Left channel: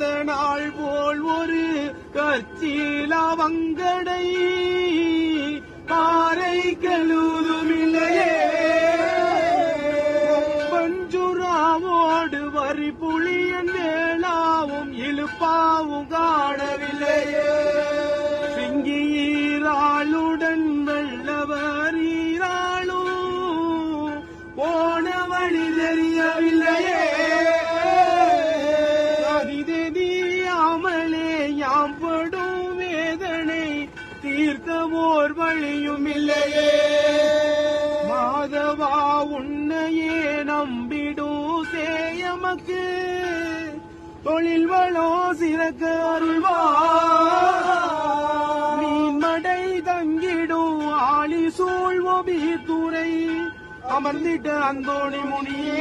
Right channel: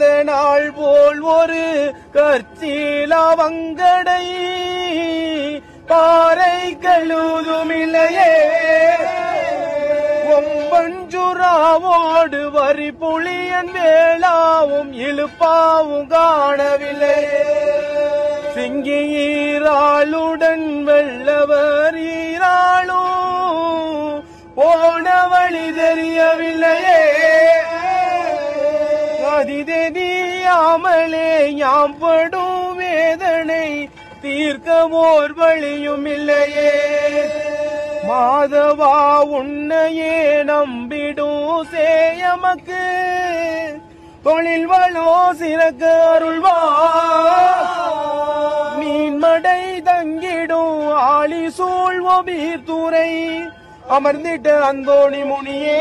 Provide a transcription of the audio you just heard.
பிறந்த நாள் போல் ஒரு கற்சீலவங்கடை காரை கழுதுமில்லையே ஒம்பஞ்சுராவோடு வரி புளியன் வேளாவும் இழுப்பாவும் காணவில்லை சிங்கியீராளுடன் வெள்ளவரீராளும் போன வழி தெரியவில்லையே அதிதெரியாமலே ஞாபடும் வேதனை தீர்க்கமோர் வழியும் இல்லையே மாதவா உன்னையே நம்பிடும் சேயமக்கு தொழில் வளோ சிறக்க அருள்வா மீன்மடை தங்கிடும் ஆளி சூழ்வோ பீத்துறை அமர்ந்திட்ட அந்தோணி முனியே